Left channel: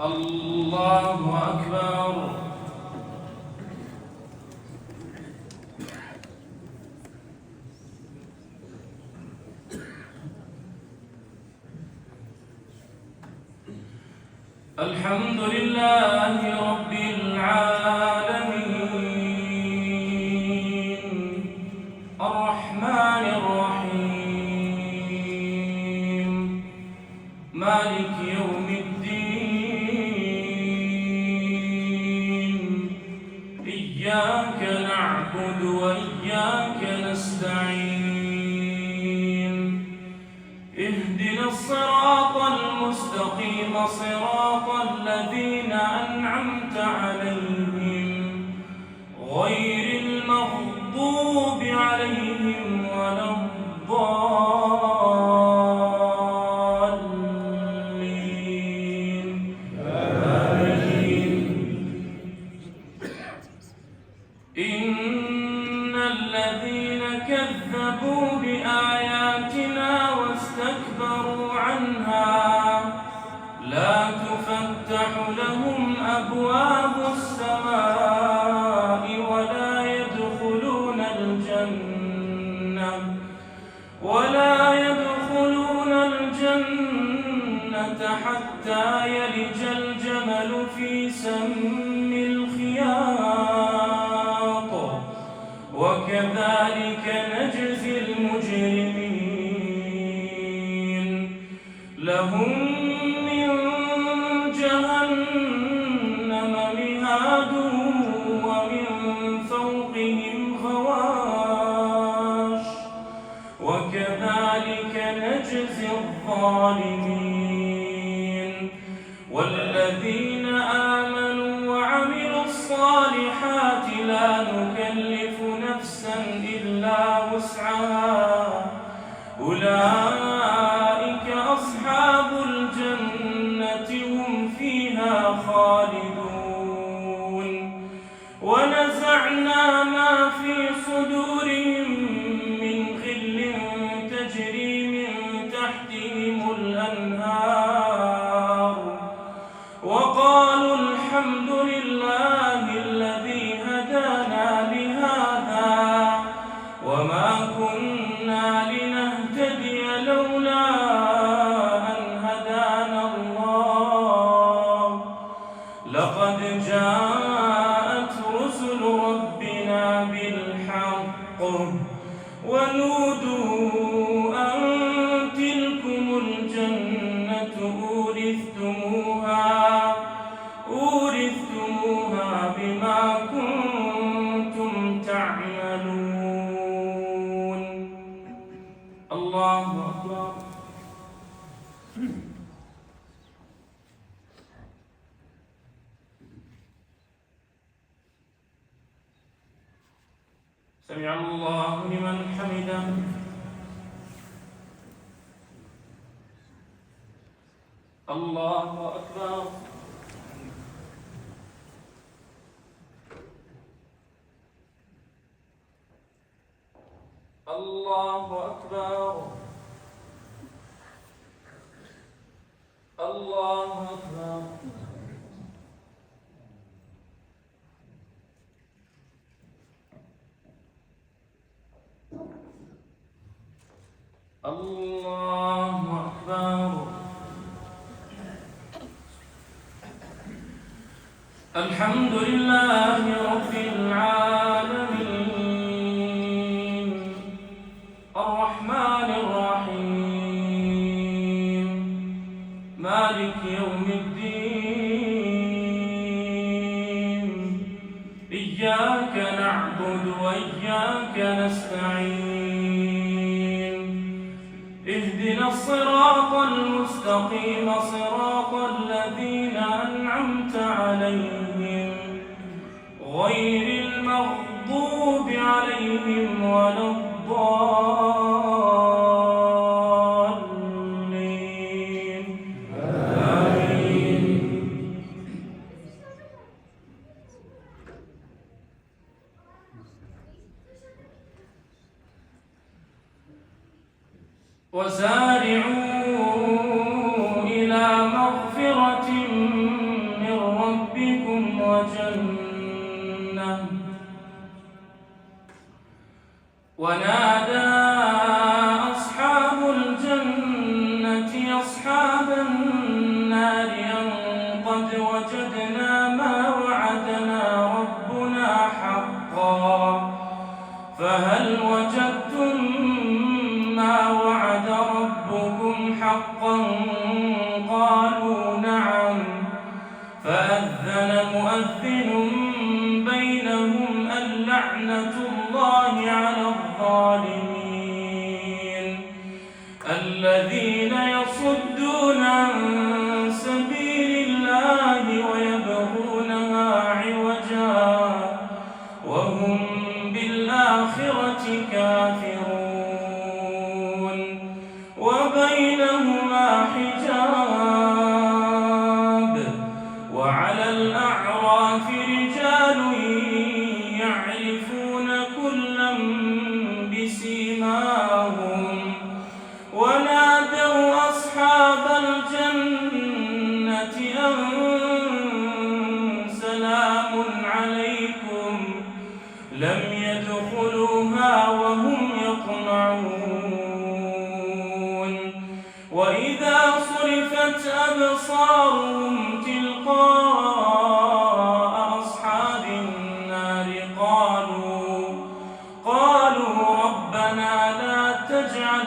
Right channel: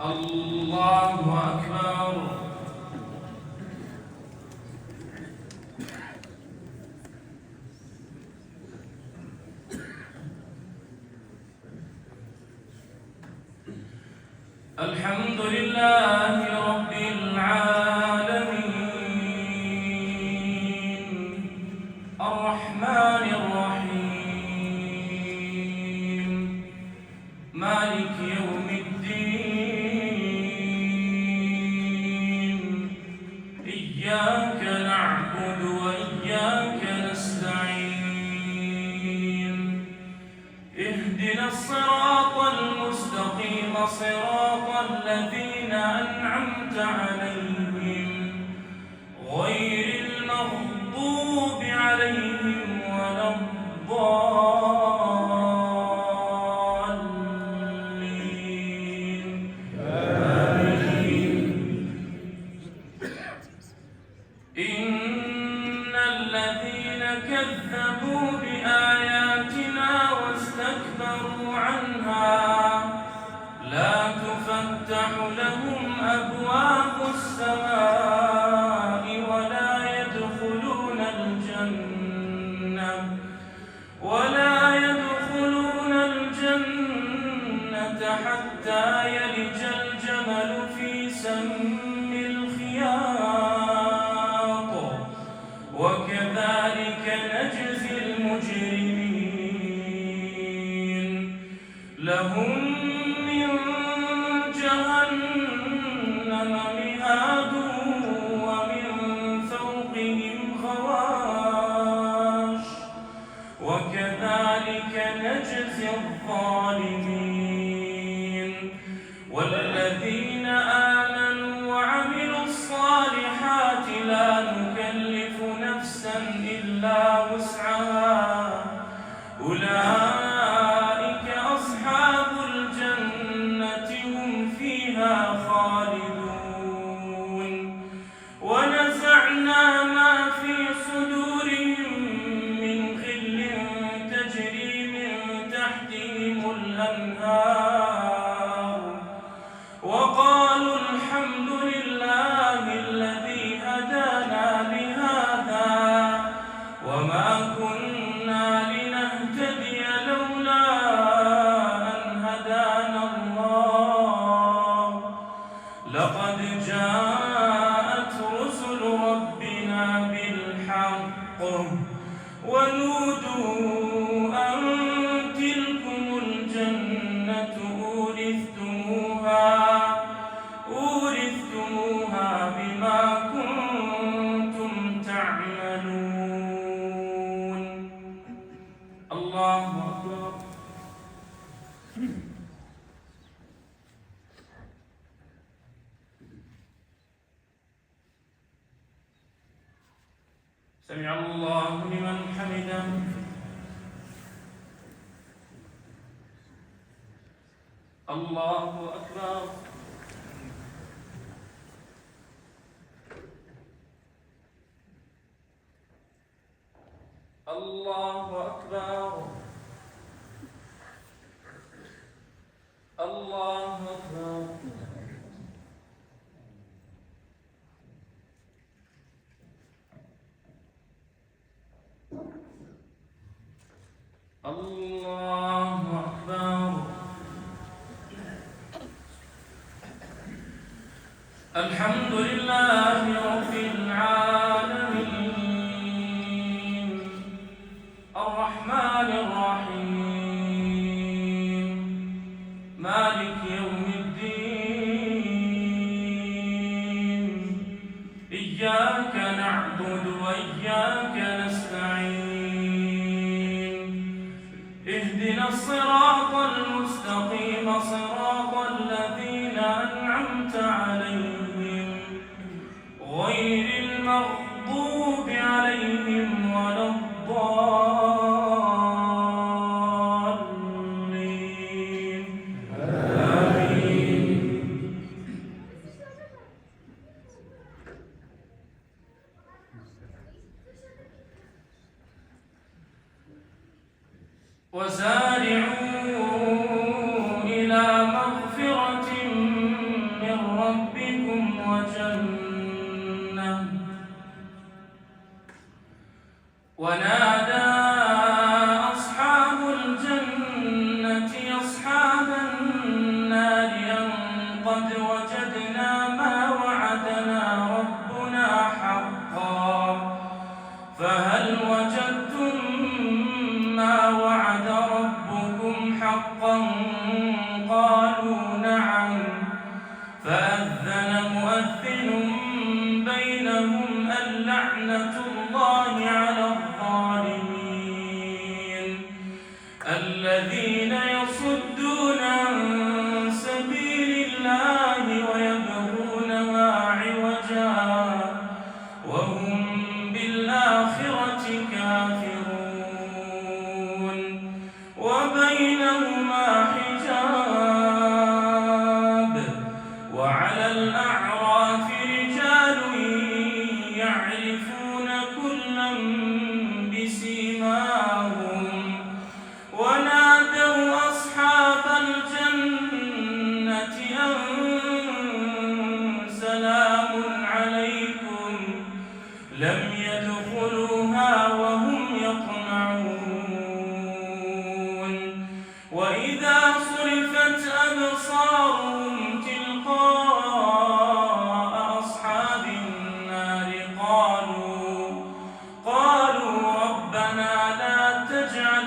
الله أكبر. الحمد لله رب العالمين الرحمن الرحيم مالك يوم الدين إياك نعبد وإياك نستعين اهدنا الصراط المستقيم صراط الذين أنعمت عليهم غير المغضوب عليهم ولا الضالين آمين. إن الذين كذبوا بآياتنا واستكبروا عنها لا تفتح لهم أبواب السماء ولا يدخلون الجنة حتى يلج الجمل في سم الخياط وكذلك نجزي المجرمين لهم من جهنم مهاد ومن فوقهم غواش وكذلك نجزي الظالمين والذين آمنوا وعملوا الصالحات لا نكلف نفسا إلا وسعها أولئك أصحاب الجنة هم فيها خالدون ونزعنا ما في صدورهم من غل تجري من تحتهم الأنهار وقالوا الحمد لله الذي هدانا لهذا وما كنا لنهتدي لولا أن هدانا الله لقد جاءت رسل ربنا بالحق ونودوا أن تلكم الجنة أورثتموها بما كنتم تعملون. الله أكبر. سمع الله لمن حمده. الله أكبر. الله أكبر. الله أكبر. الله أكبر. الحمد لله رب العالمين الرحمن الرحيم مالك يوم الدين إياك نعبد وإياك نستعين اهدنا الصراط المستقيم صراط الذين أنعمت عليهم غير المغضوب عليهم ولا الضالين آمين. وسارعوا إلى مغفرة ونادى أصحاب الجنة أصحاب النار أن قد وجدنا ما وعدنا ربنا حقا فهل وجدتم ما وعد ربكم حقا قالوا نعم فأذن مؤذن بينهم اللعنة الله على الظالمين الذين يصدون عن سبيل الله ويبغونها عوجا وهم بالآخرة كافرون وبينهما حجاب وعلى الأعراف رجال يعرفون كلا بسيماهم ونادوا أصحاب الجنة أن سلام عليكم لم يدخلوها وهم يطمعون وإذا صرفت أبصارهم تلقاء أصحاب النار قالوا ربنا لا تجعل